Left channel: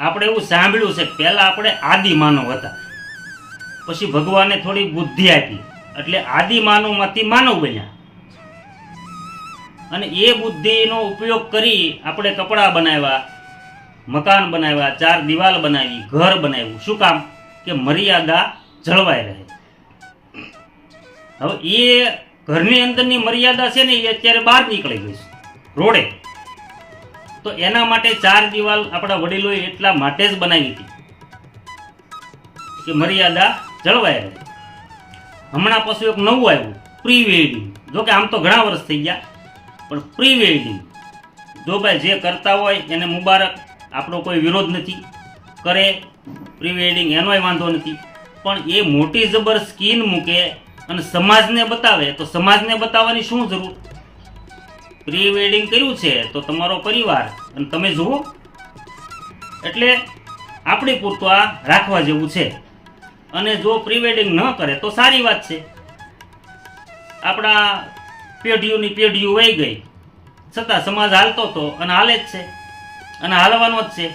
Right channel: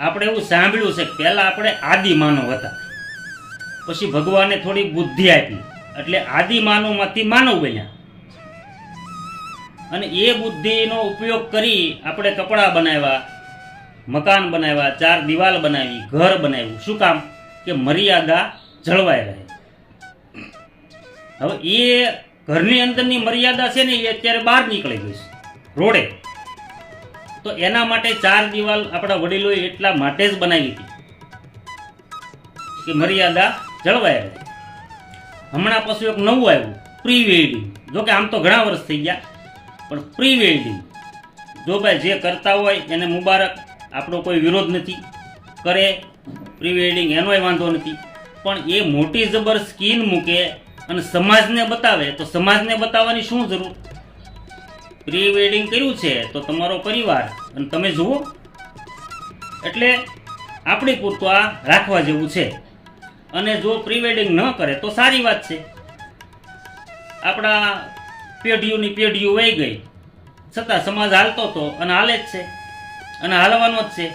આપણે એવું સાંભળ્યું છે કે પહેલાં આપણે આદિ માનવ હતા, પછી ભગવાને થોડી બુદ્ધિ આપી એટલે આદિ માનવમાંથી માનવ બન્યા. અને એ બુદ્ધિનો ઉપયોગ કરી આપણે કપડાં બનાવ્યા, મકાન બનાવ્યા, ચાર દિવાલ બનાવી, ઘર બનાવ્યું. શું કામ? કે મર્યાદા જળવાઈ રહે. હવે એ ઘરની અંદરની મર્યાદા છે ને એ અત્યારે બહાર નીકળી ગઈ છે રોડે. તો એના માટે ચાર દિવાલ આપણા વડીલોએ એટલા માટે જ બનાવી હતી કે મર્યાદા જળવાઈ રહે. હમણાં પાછું એક નવું આવ્યું, પ્રી વેડિંગ. જો કે આમ તો ઘણા વર્ષ થઈ ગયા, પણ પ્રી વેડિંગ જો ભાઈ જે કરતા હોય એને મુબારક, આપણો કોઈ વિરોધ નથી. કરે પ્રી વેડિંગ એનોય વાંધો નથી, પણ એ મોટી જબર સ્કીન મૂકે અને સમાજને બતાવે તો સમાજને બતાવવાની શું જરૂર? પ્રી વેડિંગ કર્યું છે તો તમારો પરિવાર અને તમે જુઓ. એટલે આપણી પૂરતું આ રાખવા જેવું છે. અને જો પ્રી વેડિંગ ન કરે તો સારી વાત છે. આપણા પેઢીઓની પેઢીઓ વહી ગઈ છતાં સમાજ હાલતો હતો અને હાલે જ છે અને હાલવાનો જ છે.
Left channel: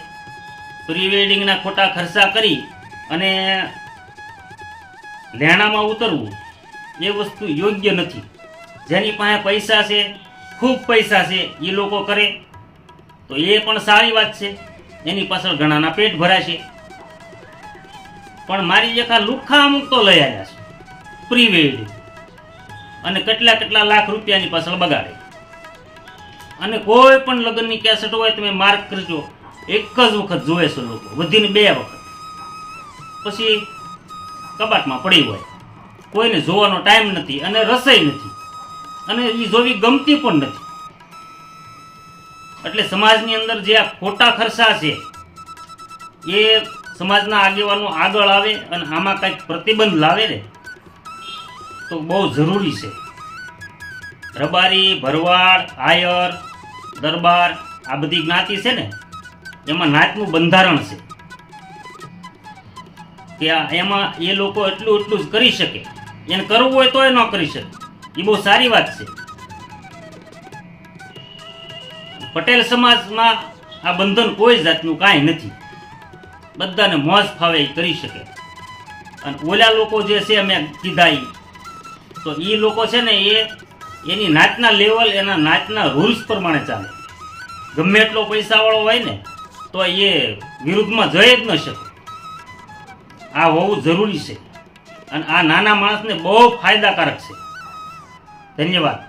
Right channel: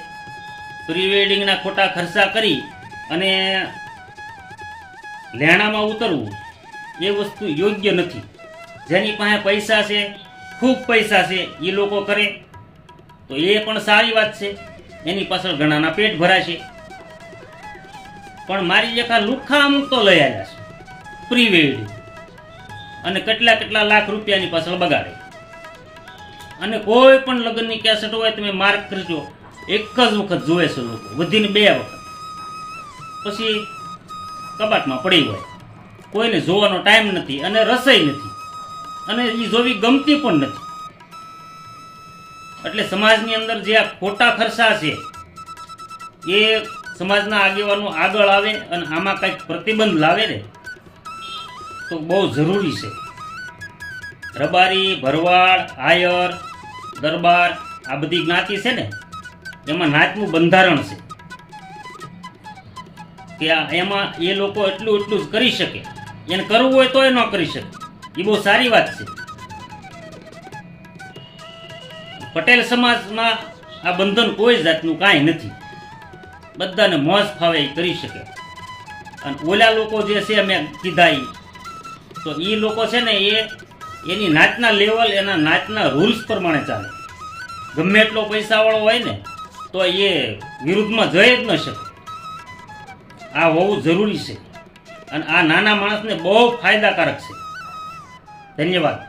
પ્રી વેડિંગના ખોટા ખર્ચા કરી અને લેણામાં ઉતરવું એ વસ્તુ યોગ્ય નથી. જેની પાસે પૈસા છે, ખૂબ પૈસા છે, એ લોકો કરે તો એ પણ સારી વાત છે. એની પાછળ ઘણાના પેટ ભરાશે. પણ મારી જેખા લુખ્ખા અમુક તો લઈ આવ્યા છે પ્રી વેડિંગ અને કેટલા કેટલા લાખ રૂપિયાની પાછળ બગાડે. અને કોઈ પણ લગ્નની કેસેટ હોય તમે માર્ક કરજો, એક જ વખત જોવે છે લોકો, વધીને 2 વખત, પછી કબાટમાં પડી હોય. કોઈને જોવાનો ટાઈમ નથી અને રસોઈ નથી અને એ જોવી ગમતી પણ નથી. એટલે સમાજની અંદર જે આ ખોટા ખર્ચા છે એ સમાજના આગેવાનો આગળ આવે અને આમાં કંઈક પ્રતિબંધ લાવે ને તો બહુ જરૂરી છે. રબારી, ભરવાડ, આયર, દરબાર આ બધી જ્ઞાતિ છે ને એમાં નાતનું બંધારણ છે કે એમાં એ લોકો એટલું જ કરી શકે. એને કરવું હોય તો એ ન કરી શકે. એ બહુ સારી વાત છે. પટેલ સમાજમાં આ બંધન કોઈ જાતનું કાંઈ નથી. બધાને મોજ ફાવે એ કરી શકે. અને ઓલા લોકો જે છે મેં કીધા તો એ લોકો છે ને એની નાચના લેવલ, એના નાચના રૂલ્સ પ્રમાણે ચાલે. ગમે એટલો પૈસાવાળો હોય ને તો એ વિરુદ્ધમાં જઈ જ ન શકે. આ હોવું જરૂરી છે અને આ નાના માણસને બહુ ફાયદાકારક છે. ધન્યવાદ.